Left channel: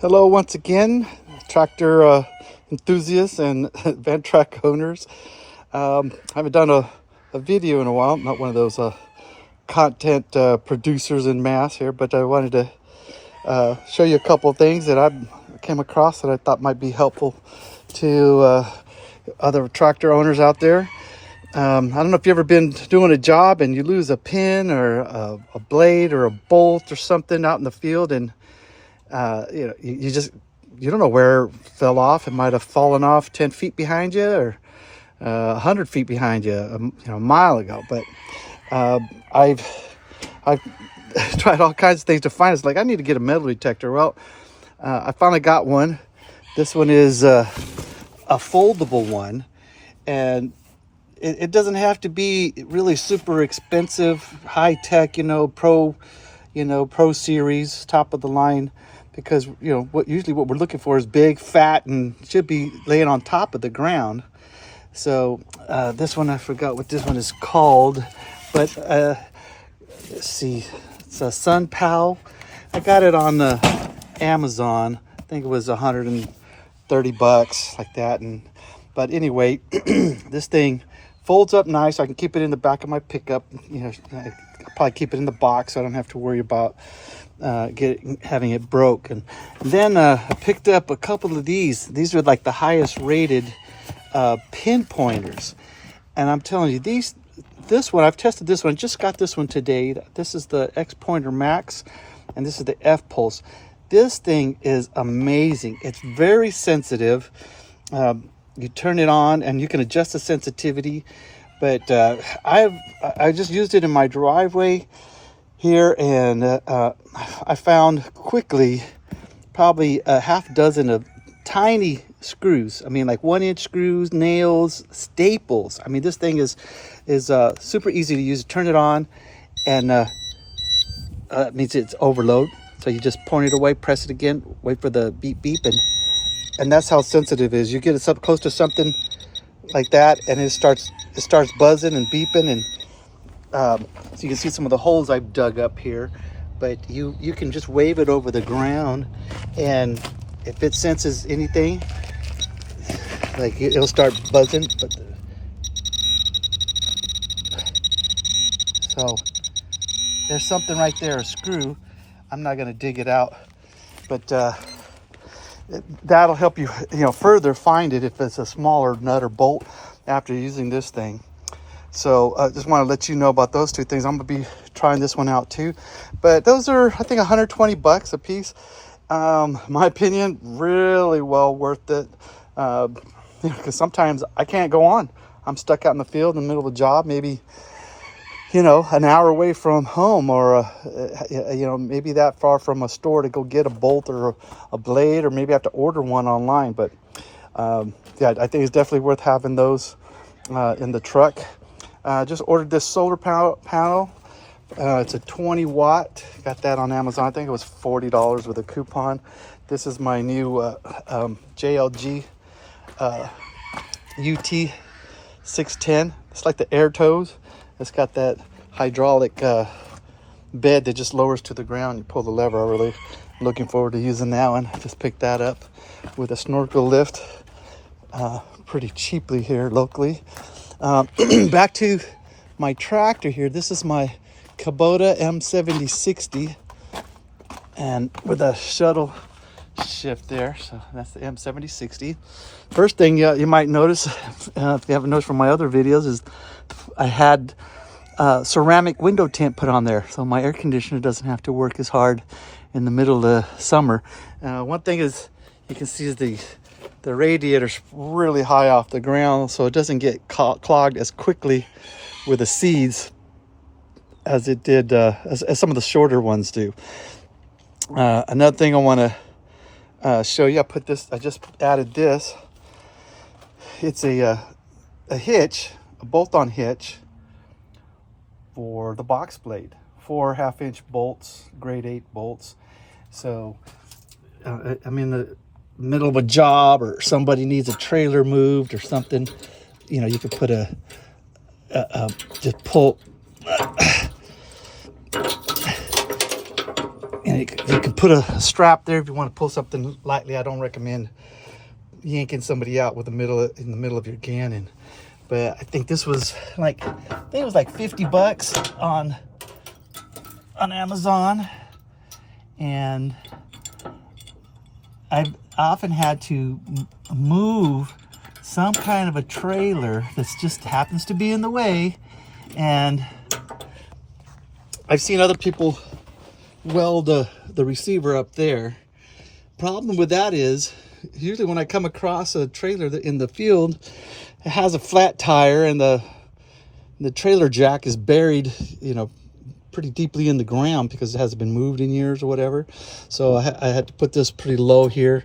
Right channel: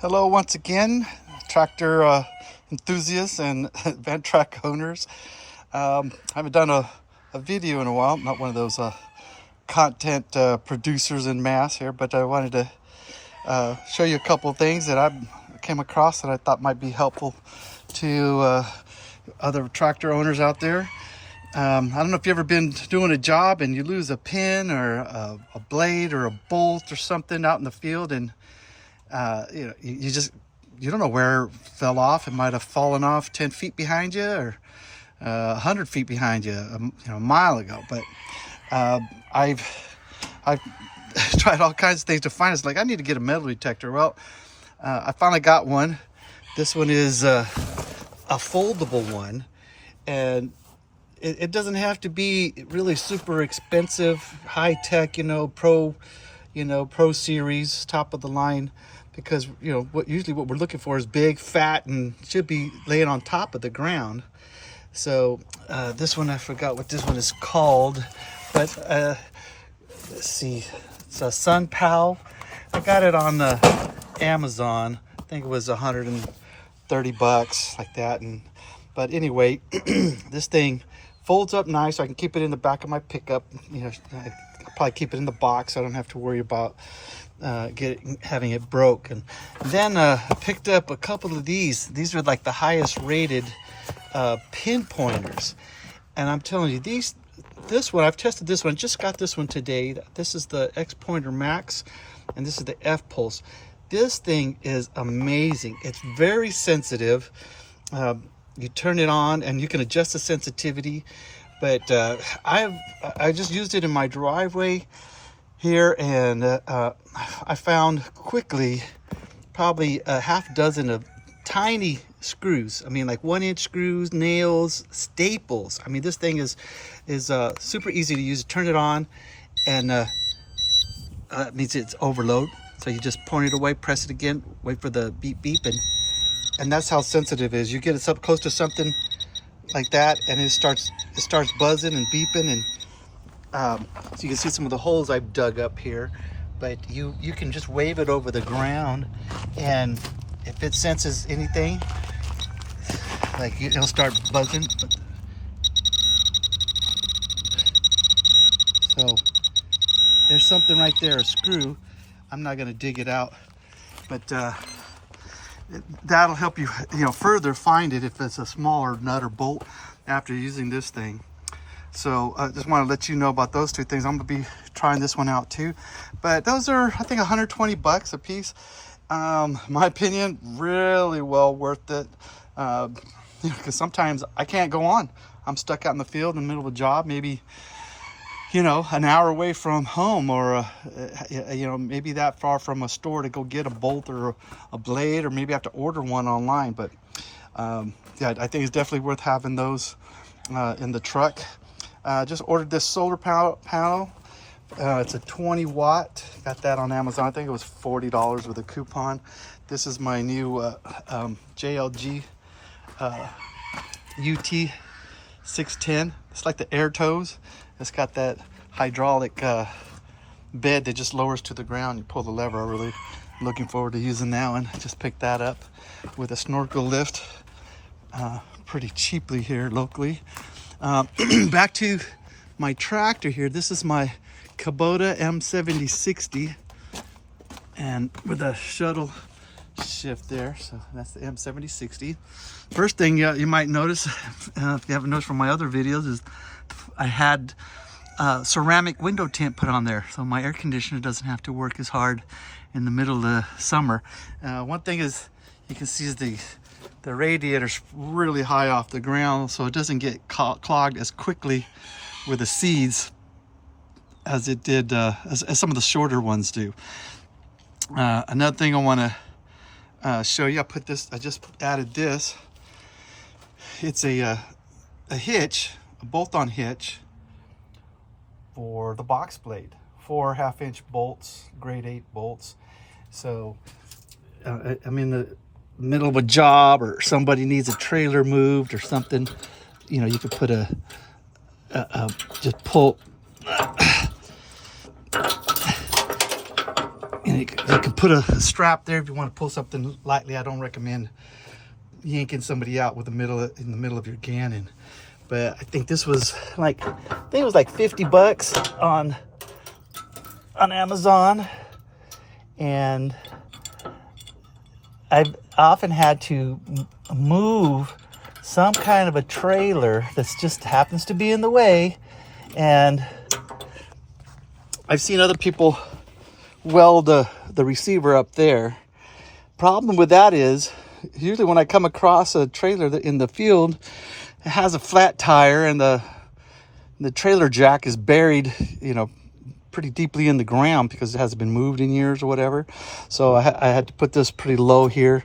Hello once again, tractor enthusiasts and van track owners. I haven't done a video in a while. I'm not one of those content producers in mass here, but I wanted to show you a couple of things that I came across that I thought might be helpful to other tractor owners out there. I don't know if you've ever been doing a job and you lose a pin or a blade or a bolt or something out in the field, and you don't know where it fell off. It might have fallen off 10 feet behind you or 100 feet behind you, a mile ago. But I've tried all kinds of things to find it. It's like, I need to get a metal detector. Well, I finally got one. This one is a foldable one, and it doesn't have to be really super expensive, high tech, pro series, top of the line, because what we're looking for is big, fat, and should be laying on top of the ground. So this one, I forgot what this one is called, but let's see, it's a Sun Pal. I got it on the Amazon. I think it was 130 bucks, like that. But anyway, this thing folds up nice. I can keep it in the back of my pickup. I'll probably keep it in the box, so I don't have to worry about having it broke. And then I picked up a couple of these. These are like the highest rated pinpointers, and I'm telling you, this one, I've tested this one. Just got this one today. This is the X Pointer Max, and this is the F Pulse. This thing is amazing. It's very sensitive. You turn it on and you can adjust the sensitivity, but I just used it in my driveway here, and I found quickly probably a half dozen of tiny screws. I mean, like 1-inch screws, nails, staples. I mean, this thing is super easy to use. Turn it on, and it means it's overload. So you just point it away, press it again, wait for the beep beep, and that's how sensitive it is. You get it up close to something like that, and it starts buzzing and beeping, and so you can see some of the holes I've dug up here. But you can just wave it over the ground, and if it senses anything, like, it'll start buzzing. So there's something right there, a screw. I'm not gonna dig it out, but that'll help you, further find it if it's a smaller nut or bolt after using this thing. So I just want to let you know about those two things. I'm gonna be trying this one out too, but those are, I think, 120 bucks a piece. My opinion, really well worth it, because sometimes I can't go on. I'm stuck out in the field in the middle of a job, maybe an hour away from home, or maybe that far from a store to go get a bolt or a blade, or maybe I have to order one online. But yeah, I think it's definitely worth having those in the truck. Just ordered this solar panel. It's a 20 watt. Got that on Amazon. I think it was $40 with a coupon. This is my new JLG UT 610. It's like the air toes. It's got that hydraulic bed that just lowers to the ground. You pull the lever. I'm really looking forward to using that one. I just picked that up with a snorkel lift pretty cheaply here locally. Back to my tractor here. This is my Kubota M7060, and with a shuttle shift there. So that's the M7060. First thing you might notice, if you haven't noticed from my other videos, is I had ceramic window tint put on there, so my air conditioner doesn't have to work as hard in the middle of the summer. One thing is, you can see is the radiator's really high off the ground, so it doesn't get clogged as quickly with the seeds as it did, as some of the shorter ones do. Another thing I want to show you, I just added this. It's a hitch, a bolt-on hitch for the box blade. 4 1/2-inch bolts, grade 8 bolts. So I'm in the middle of a job, or somebody needs a trailer moved or something. You could put just pull. you can put a strap there if you want to pull something lightly. I don't recommend yanking somebody out with in the middle of your cannon. But I think this was like, I think it was like 50 bucks on Amazon. And I've often had to move some kind of a trailer that just happens to be in the way. And I've seen other people weld the receiver up there. Problem with that is, usually when I come across a trailer in the field, it has a flat tire and the trailer jack is buried, you know, pretty deeply in the ground because it hasn't been moved in years or whatever. So I had to put this pretty low here.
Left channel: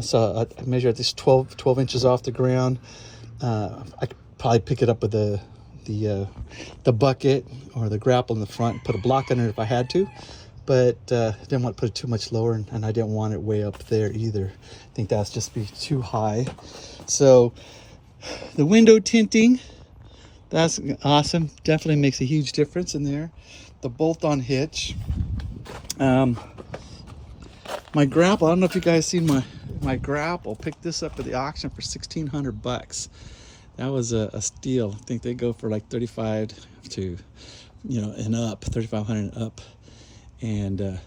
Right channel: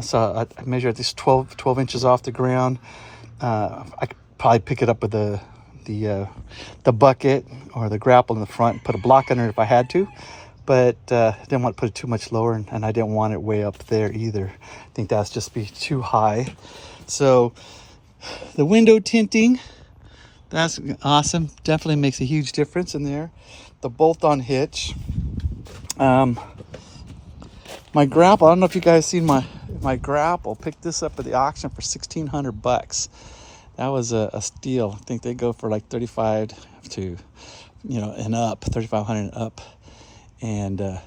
So I measured at least 12 inches off the ground. I could probably pick it up with the bucket or the grapple in the front and put a block under it if I had to. But I didn't want to put it too much lower, and I didn't want it way up there either. I think that's just be too high. So the window tinting, that's awesome. Definitely makes a huge difference in there. The bolt-on hitch. My grapple, I don't know if you guys seen my grapple. Picked this up at the auction for 1,600 bucks. That was a steal. I think they go for like 35 to, you know, and up, 3,500 and up. And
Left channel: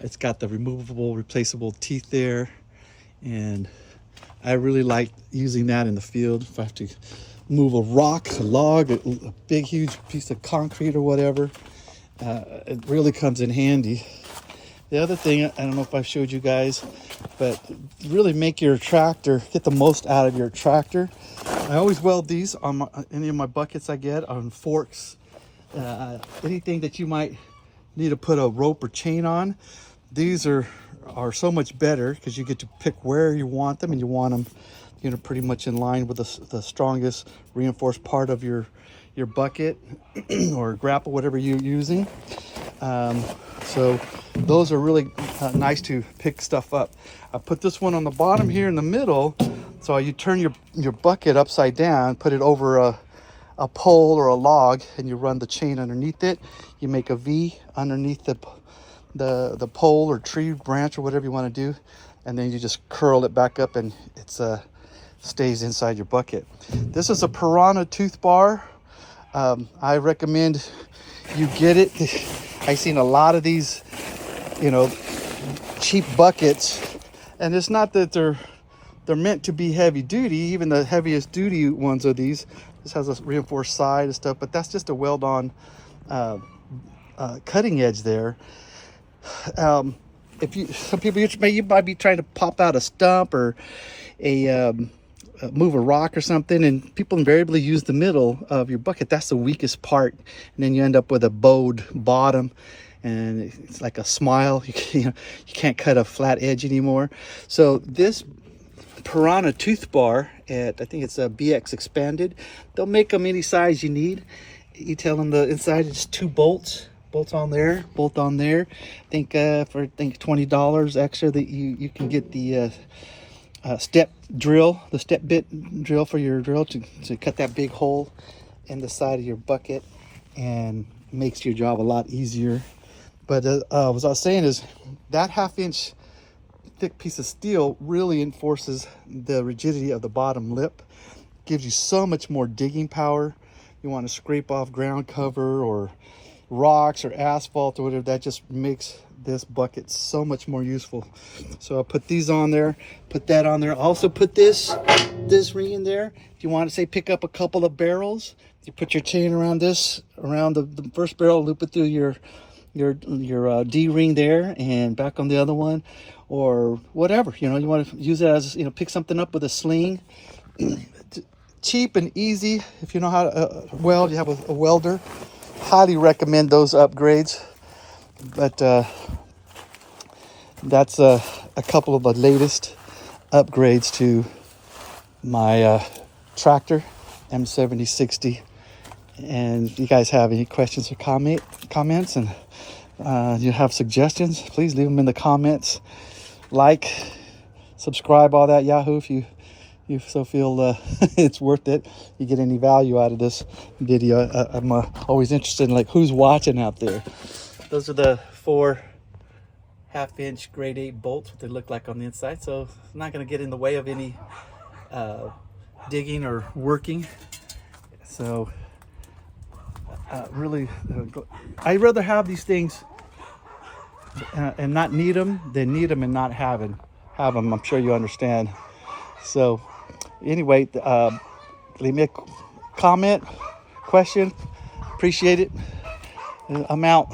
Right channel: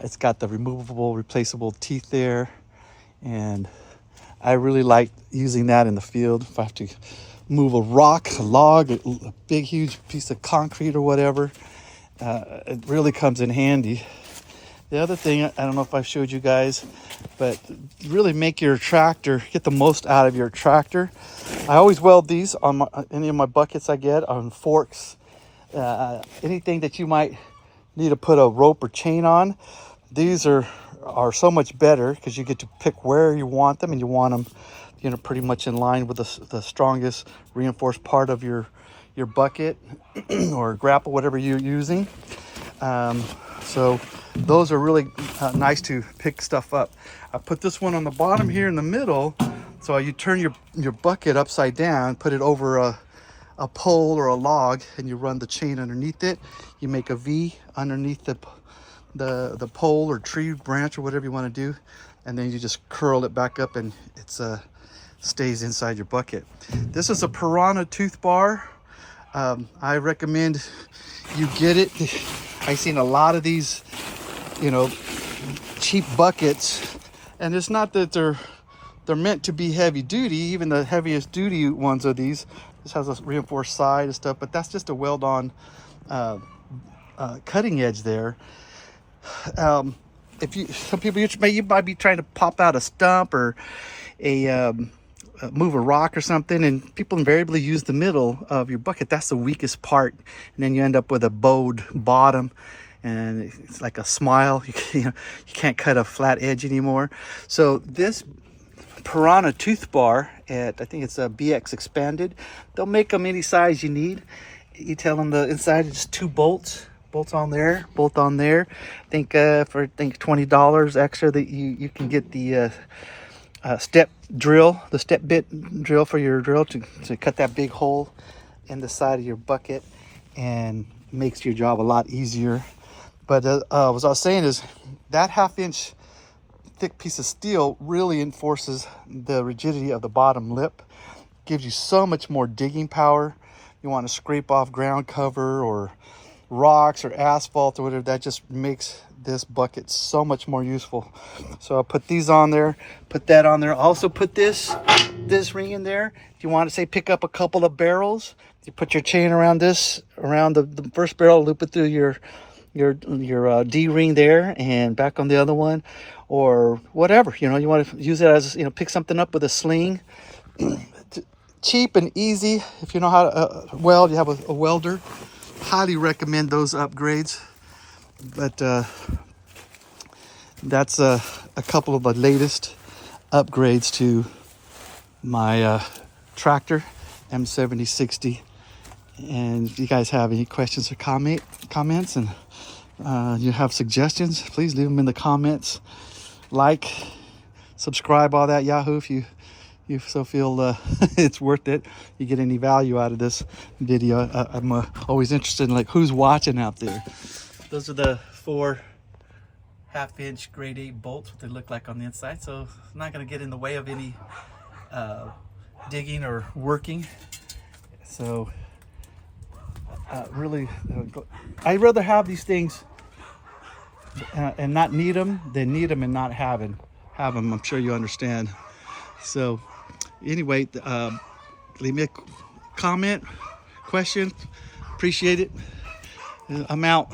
it's got the removable, replaceable teeth there. And I really like using that in the field. If I have to move a rock, a log, a big, huge piece of concrete or whatever, it really comes in handy. The other thing, I don't know if I showed you guys, but really make your tractor, get the most out of your tractor. I always weld these on any of my buckets I get, on forks, anything that you might need to put a rope or chain on. These are so much better because you get to pick where you want them, and you want them, you know, pretty much in line with the strongest reinforced part of your bucket or grapple, whatever you're using. So those are really nice to pick stuff up. I put this one on the bottom here in the middle, so you turn your bucket upside down, put it over a pole or a log, and you run the chain underneath it. You make a V underneath the pole or tree branch or whatever you want to do, and then you just curl it back up, and it's stays inside your bucket. This is a Piranha tooth bar. I recommend you get it. I've seen a lot of these, you know, cheap buckets, and it's not that they're meant to be heavy duty. Even the heaviest duty ones of these, this has a reinforced side and stuff, but that's just a weld on cutting edge there. Some people, you might be trying to pop out a stump or move a rock or something, and people invariably use the middle of your bucket. That's the weakest part, and then you end up with a bowed bottom, and it's like a smile. You can't cut a flat edge anymore. So this Piranha tooth bar, I think it's a BX expanded. They'll make them any size you need. You tell them the inside is just 2 bolts on there, bolt on there. I think for $20 extra that you can get the step drill, the step bit drill for your drill to cut that big hole in the side of your bucket, and makes your job a lot easier. But what I was saying is that 1/2 inch thick piece of steel really enforces the rigidity of the bottom lip, gives you so much more digging power. You want to scrape off ground cover or rocks or asphalt or whatever, that just makes this bucket so much more useful. So I'll put these on there, put that on there. Also put this ring in there. If you want to say pick up a couple of barrels, you put your chain around this, around the first barrel, loop it through your D ring there and back on the other one, or whatever. You know, you want to use it as, you know, pick something up with a sling. Cheap and easy. If you know how to weld, you have a welder. Highly recommend those upgrades. But that's a couple of the latest upgrades to my tractor M7060. And if you guys have any questions or comments, and you have suggestions, please leave them in the comments. Like, subscribe, all that Yahoo if you so feel it's worth it. You get any value out of this video. I'm always interested in like who's watching out there. Those are the 4 1/2-inch grade 8 bolts, what they look like on the inside. So it's not going to get in the way of any digging or working. So really, I'd rather have these things and not need them than need them and not have them. I'm sure you understand. So anyway, leave me a comment, question. Appreciate it. I'm out.